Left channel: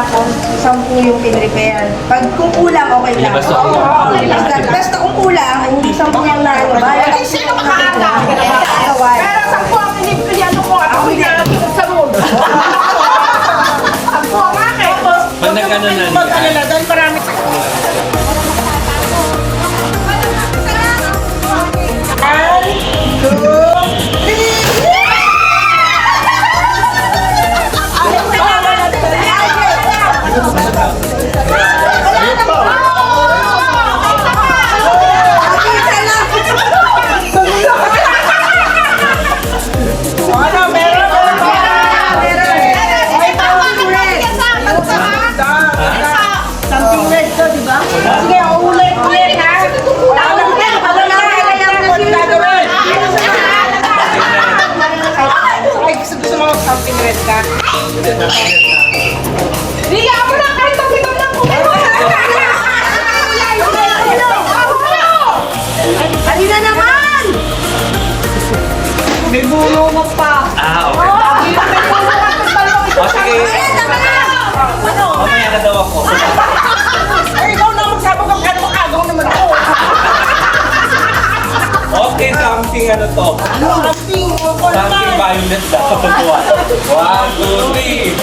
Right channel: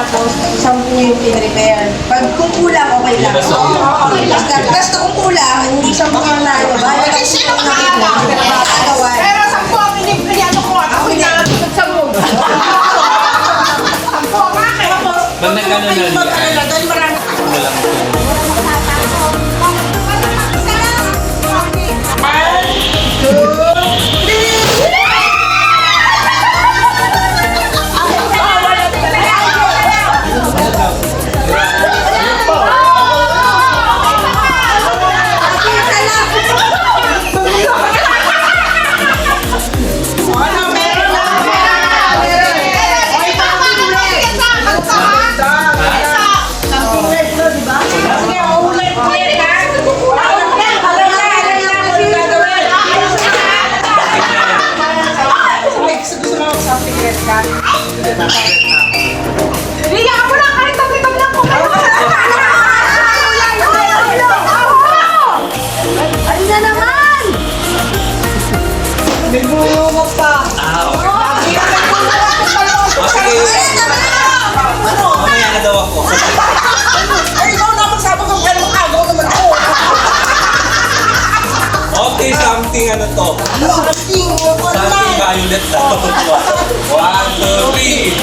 tapos 10 yung pin-repair. Pag kung kulang, okay lang. Oo, okay lang. Basta kung kulang, hindi 10 yung ano ba? Kasi sino makakagawa? Pero 10 ang pinipiliano ko at ako hinapikot sa mundo. 10 bakit? Pag nagkano Dahil marami. Something red ka. Liya mo na kahit pag-ibag ng kumay. Halina naman! May bulungan pa. Okay. O sige, mamaya na daw ako. Ay, ikaw na magsabi kung kaya makagaw naman ako. Okay, something ano to? Something violet daw. 1, 2, 3.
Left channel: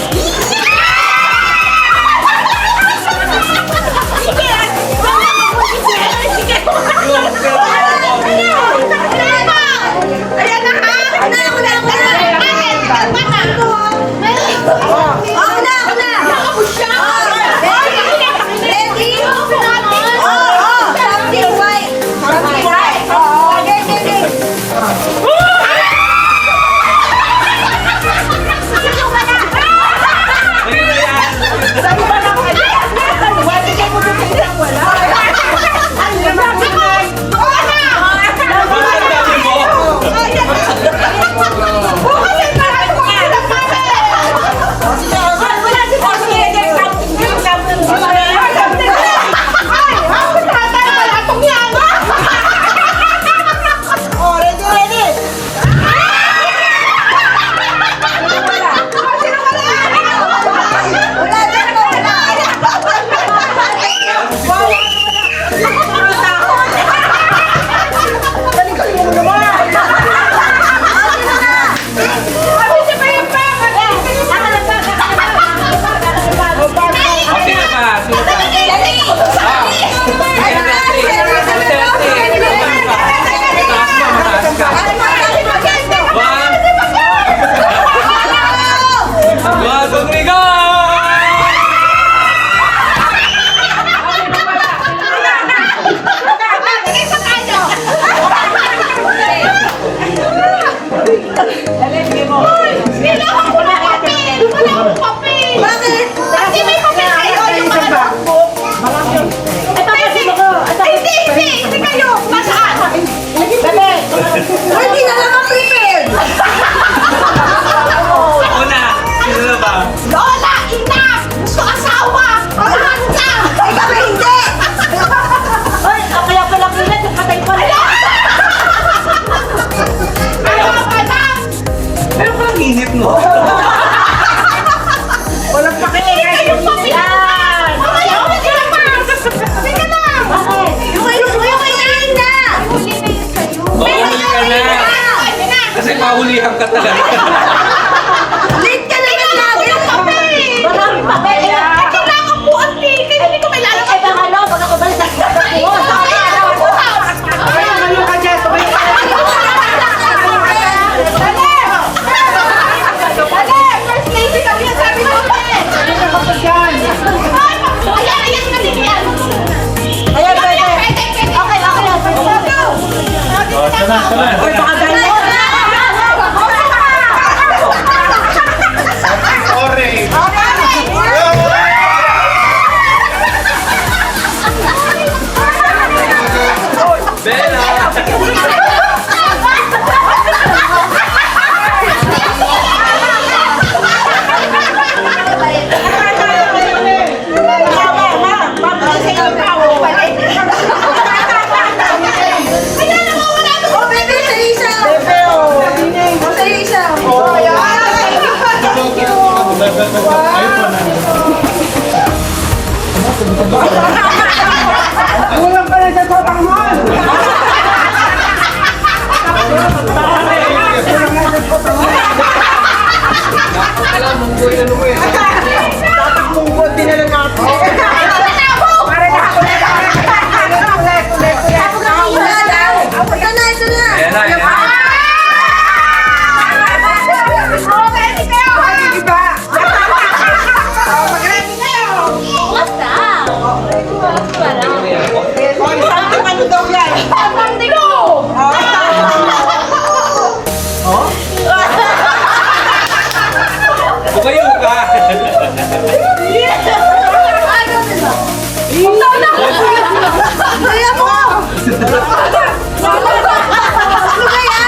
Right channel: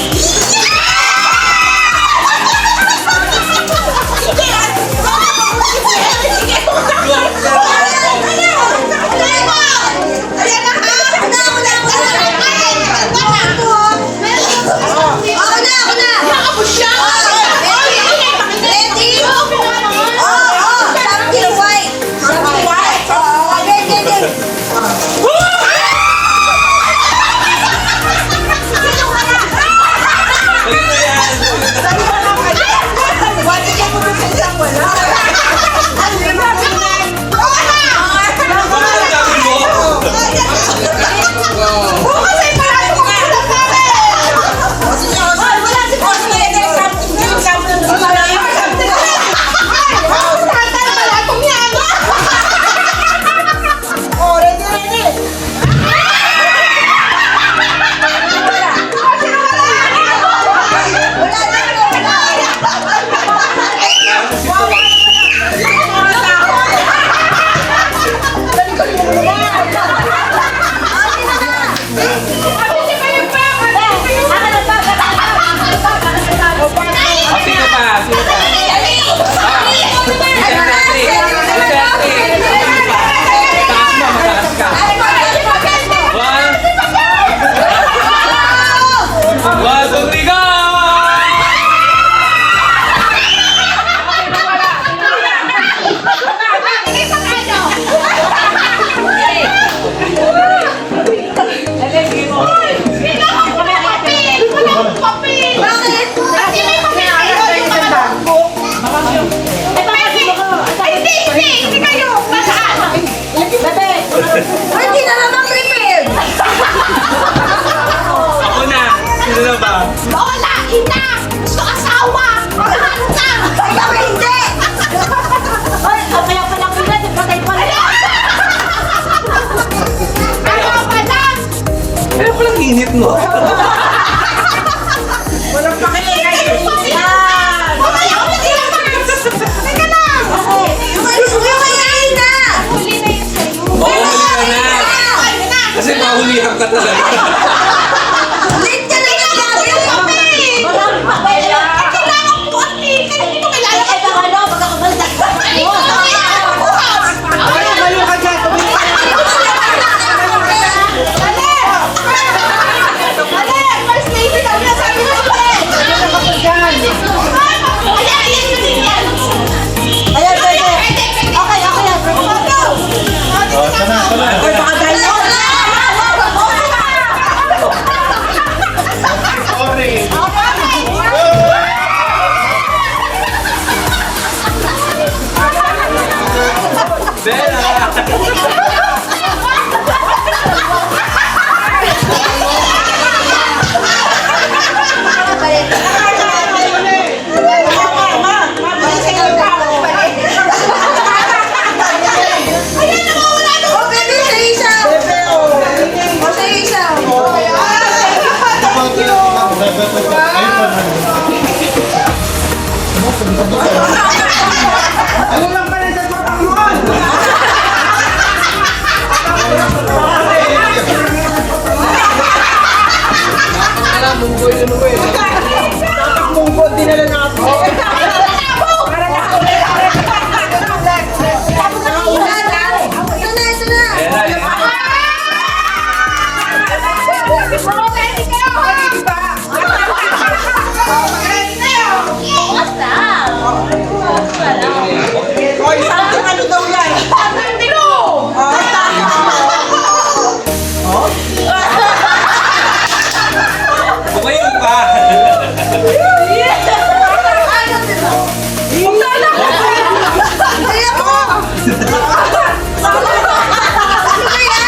Ayan na ha! Ako na! Ako siya! Ready? Something white. Something white. Ready. Ayun na yan. Bigyan mo doon sa isang wala. Ay, naman mo na. Bakit ang dami mo? Bukas ay marami ko kulang pare. Wala si Boss Lady. Something. Oh, ready. O, sino pa? Sino pa? Mataas mo, mataas ka. 1, 2, 3, go! Bakit? Kasi may papel kayo yung mga notebook. Hindi kayo. Masaan? Hindi na naman prepared. Ako na. Sino na ba? Lola, ina, gusto asawa. Pagkakas ka. Ay, kami hindi. Ay, kaya pala pila, patay pala. Ayaw ka na. Meron ko lang init, no? Walang pakiligay. Yan. Ayaw ka sila pa. Sige na. Yung kainain na. Oo, huli ka na. Kasi mahulihan ka talaga. Late ka na yung lagi. Walang pakiligay. Kailangan po ang ticket. Hindi ko kailangan. Ay, baka no, baka kabalik. Tumayo ka dyan, tumayo ka dyan. First lady daw yan, sabi mo pa eh. Ano ka pa dyan? Ayan na din yan. Ayan, pwede. Okay, yan. Uy, baka dahil mo. Bella! Ayun pa lang. munggoy ano mo eh. Dapat munggoy dinala natin. Ito na. Ayan na, ayan. Hoy, something ano daw yan? Bumayo ka! Kaya mo! Ano ba yan?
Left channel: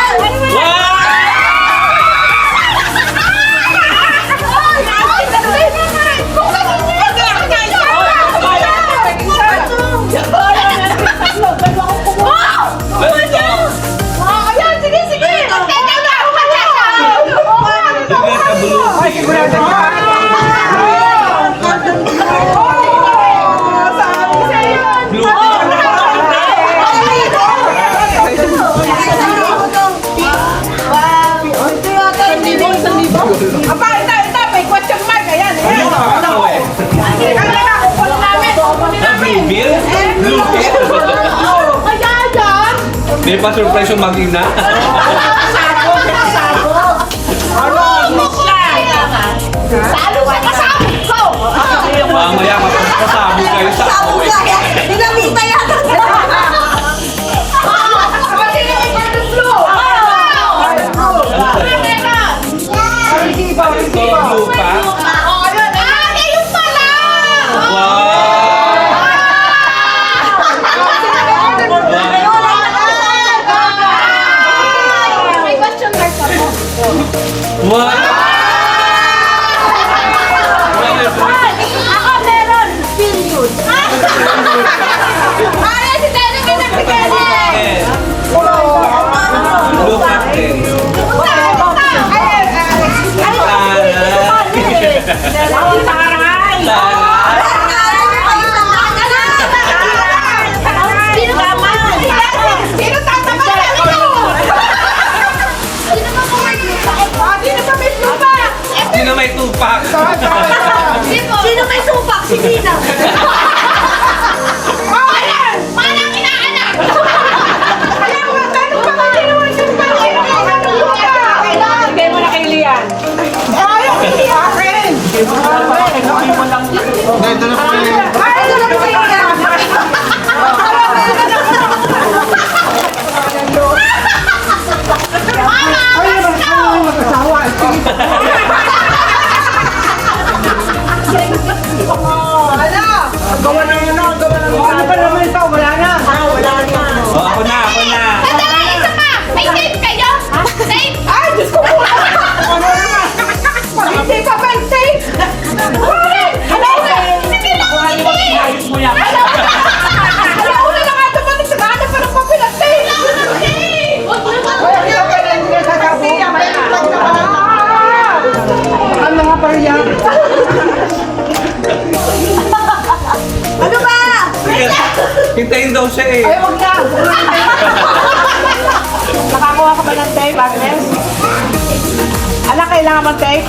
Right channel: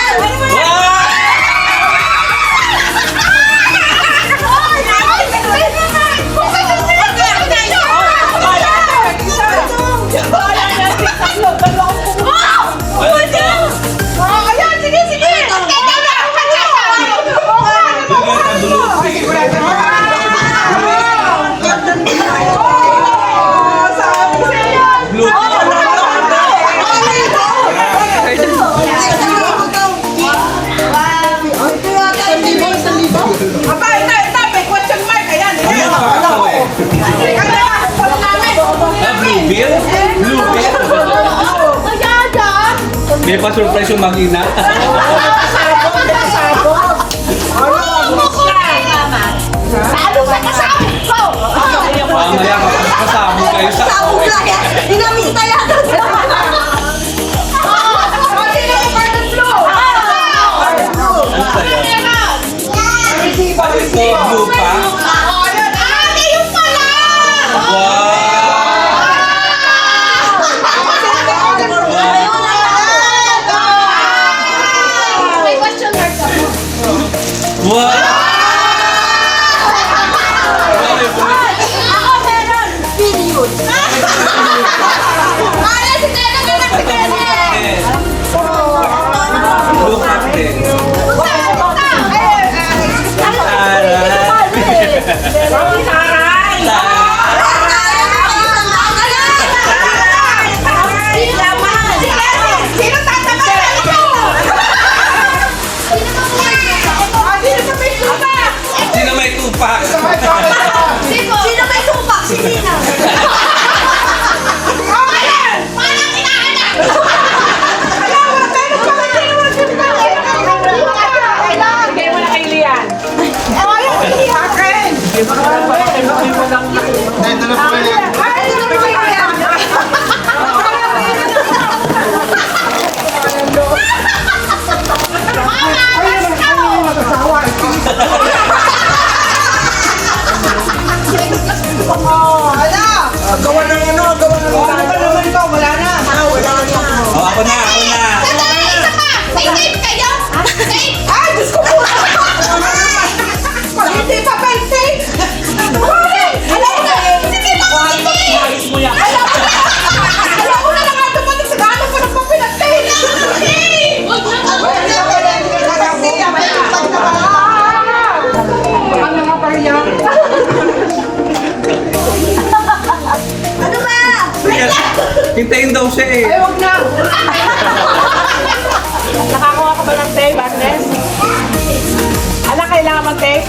Aba, ito, may question mark. Ayan, ayan. Blue bill? Blue bill? May pa-surprise yung mag-ina. Mamaya kapasabog kayo sa Sabog na yan! Dinamita yata siya! Ito, blue pa? Wow! Ako meron! Period! Blue captain. Sino may tupak? Sino may supak? Si Nina! Hindi mo na kay Lian. Akin! Hindi mo na walang gawa ng ano, gawa ng ano pa naman ito, wala na. Wala na. Oh, ako na, ako na. Ay, Diyos ko po! Hindi pa pa yung tape! Alam na! Sige lang! Ayos mo yan! Alam na lang nga dumating sa gano'n pa ng papel at tape! Baka mga pariya. Ano ba? Hintayin daw siya eh. Ay, wag na! Nakakuha ka ba ng tape, Agnes? Ala, kailangan mo tape?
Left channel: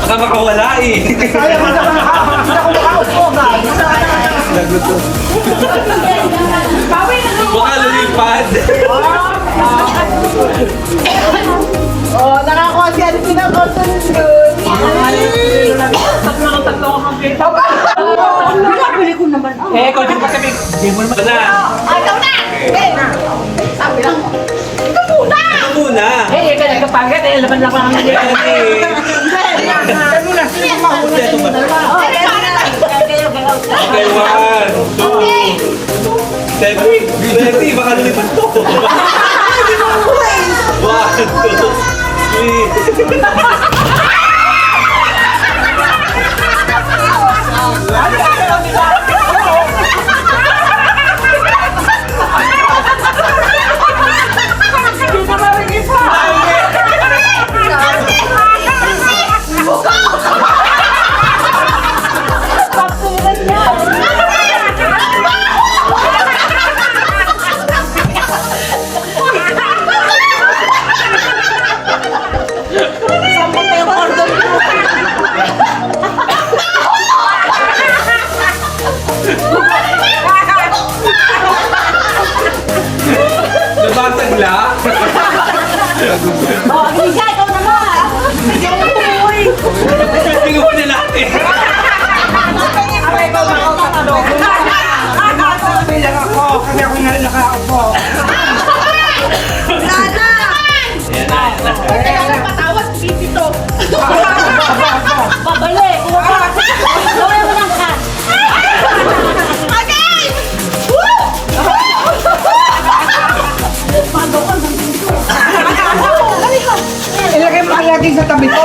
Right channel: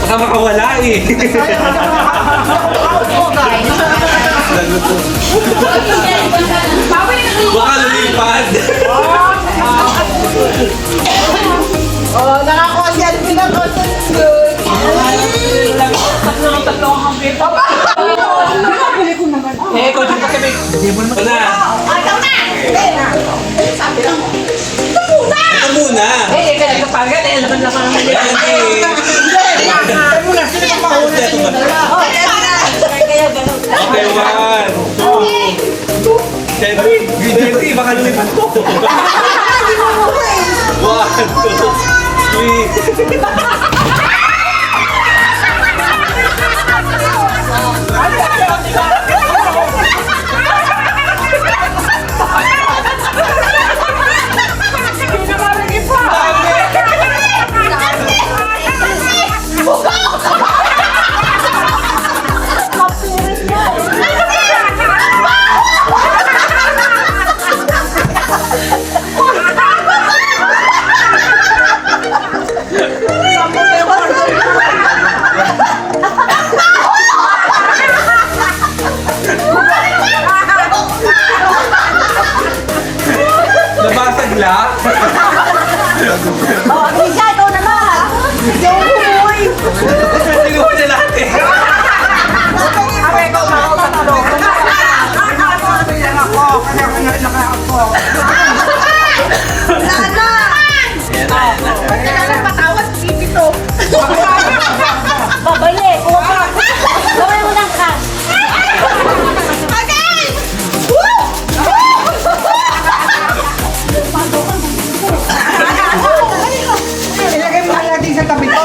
Baka makawala eh. Sayang, hindi ako nakaupo, guys. Baka lumipad. Oh, nakakuha si Alpina Cotton Good. Eh, ikaw din kasi may... Hindi mo naman... Ito na. Ito muna. Eh, ikaw nagpapagat. Eh, laban lang ang nila. Okay. Ikaw muna. Sino ang mahuli? Ito ba? Okay, one. Steady, baka lumipad to. Hindi mo mukha eh! 1, 2, 3. Sampung Oh, Lisa, ikaw na ba? Kinuha niya lahat eh. Ako ikaw na ako sa talong. Bilang ako, kasi ako nakaupo. Wala na! Babalik. Gawin mo ng cash. Ilagay mo kaya din sa tabi ko.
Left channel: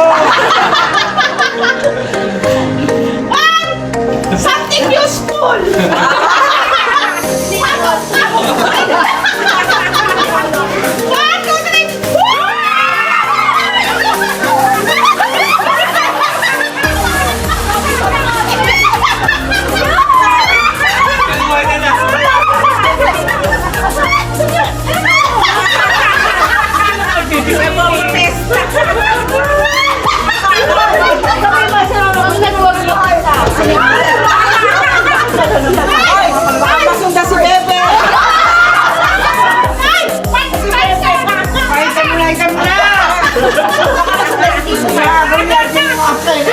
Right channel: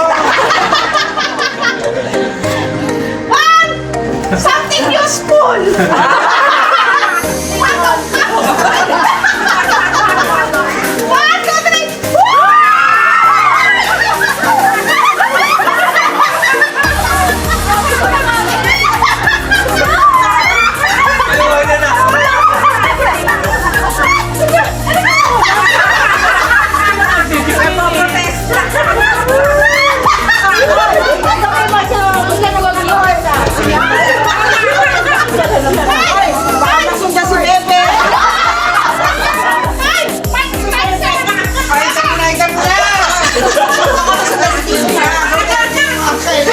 Something useful. Kinuha niya na. Gawin mo siya. Basta na wag mo sa. Ay, baka masundan si Bebe. Ay, ikaw na, ikaw na. Baka masundan si Tina. Gawin natin yung action.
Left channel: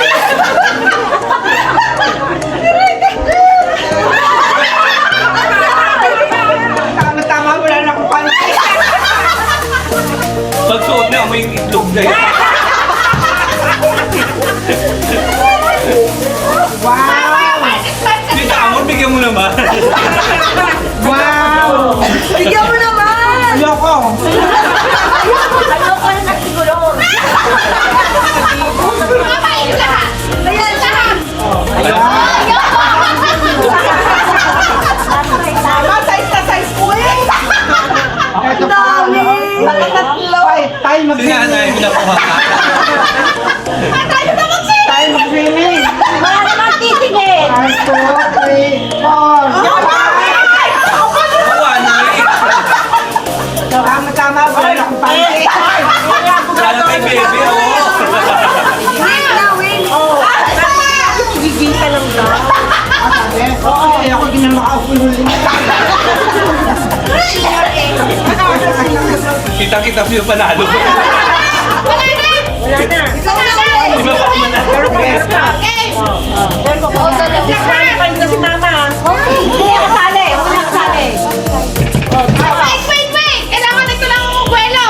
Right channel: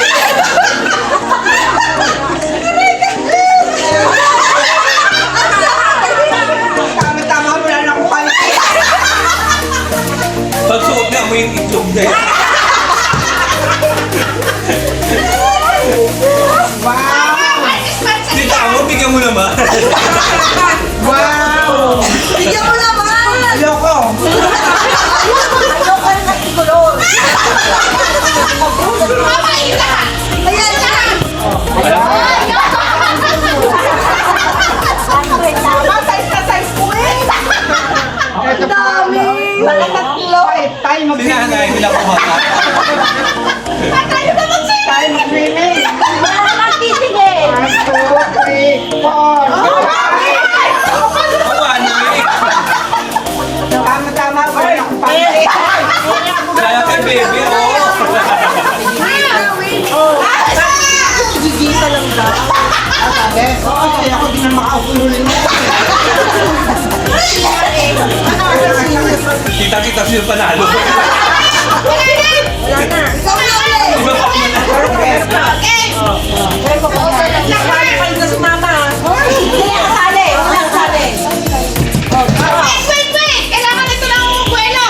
Tama-tama, wala na akong panty. Pagsuot niya mo yung itlog na yun. Wow! Dito ako, bigyan mo naman. Wow! Bigyan mo naman! Ayoko! Ayoko yung nagsigulor. Ayan na! Tama, size ko eh. Ang dami! Bakit tatlo? Ay, tayo Sige na, mag-swimming. hindi na kuha ka. Tayo mag-swimming. Wala naman titingin. 1, 2, 3, 4. Kuha na eh. Tama-tama, wala na akong panty. Kaya kay baby, oh. Wait na, wait! Gigil ka lang daw. Sabi, oo, kasi ako di na makaupo yung huli niya. Kita-kita sino panalo. Wala na. Ikaw na ulit! Iba pa man. Disqualify na si mama. Hindi ka kasali. Huwag na kasali. Wait. Kailangan ito lang ang buwelo.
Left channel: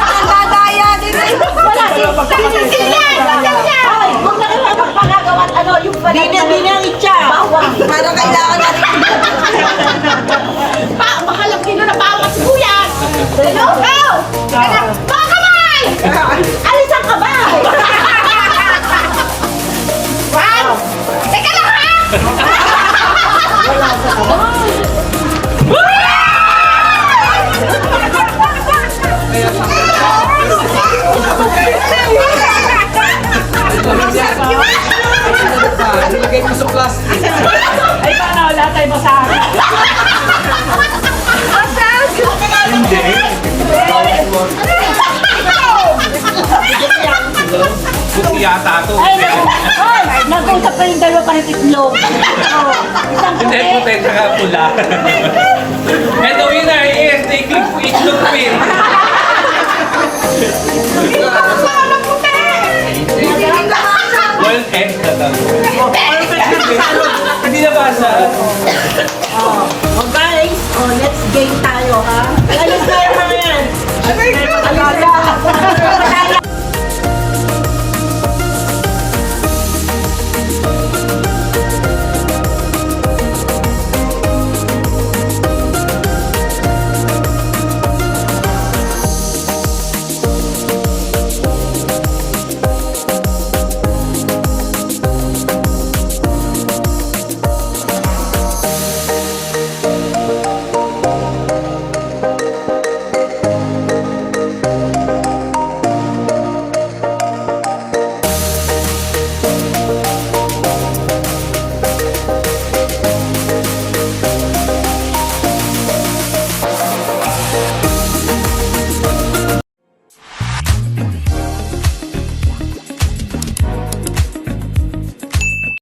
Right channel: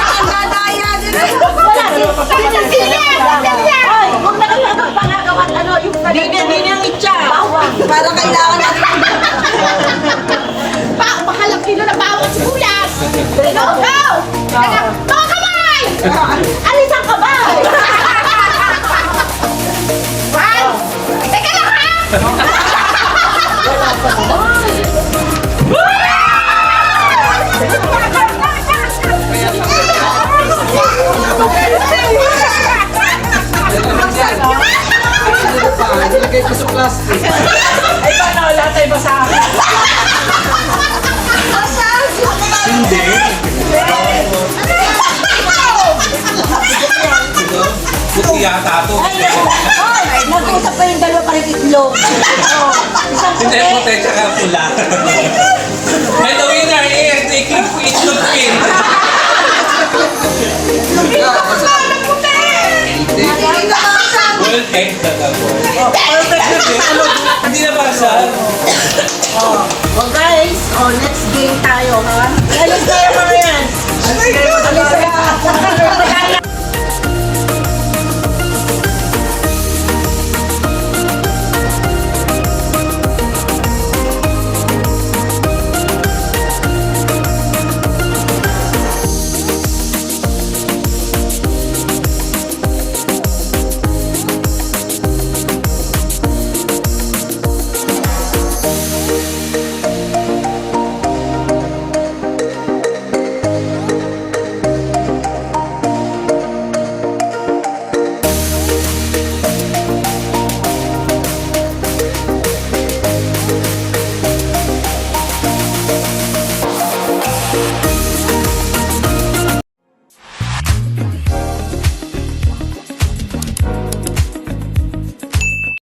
Ang dadaya din eh! Wala. Ay, huwag na kayo magpangagawan. Ano, yung Hindi ang itcha. Bawang. Parang kailangan natin. Makalang kilo na bawang sibuyas. Go! Mga kamay! Alis ang kamay! One! Teka lang ha! Wala sa kamay. Ilagay ko sa plastic. Ay, baka wala tayo basahin. Hindi. Buti yata ito. Ay, naku! Ay, nag-uusap pa yung dalawa parang itlog. Oh, isang Hindi, puti. puti tsaka pula. And the winner is the itlog queen. Hindi na makasama. Well, head na gabo. Hindi na basa. Oh, guys, next game tayo ha.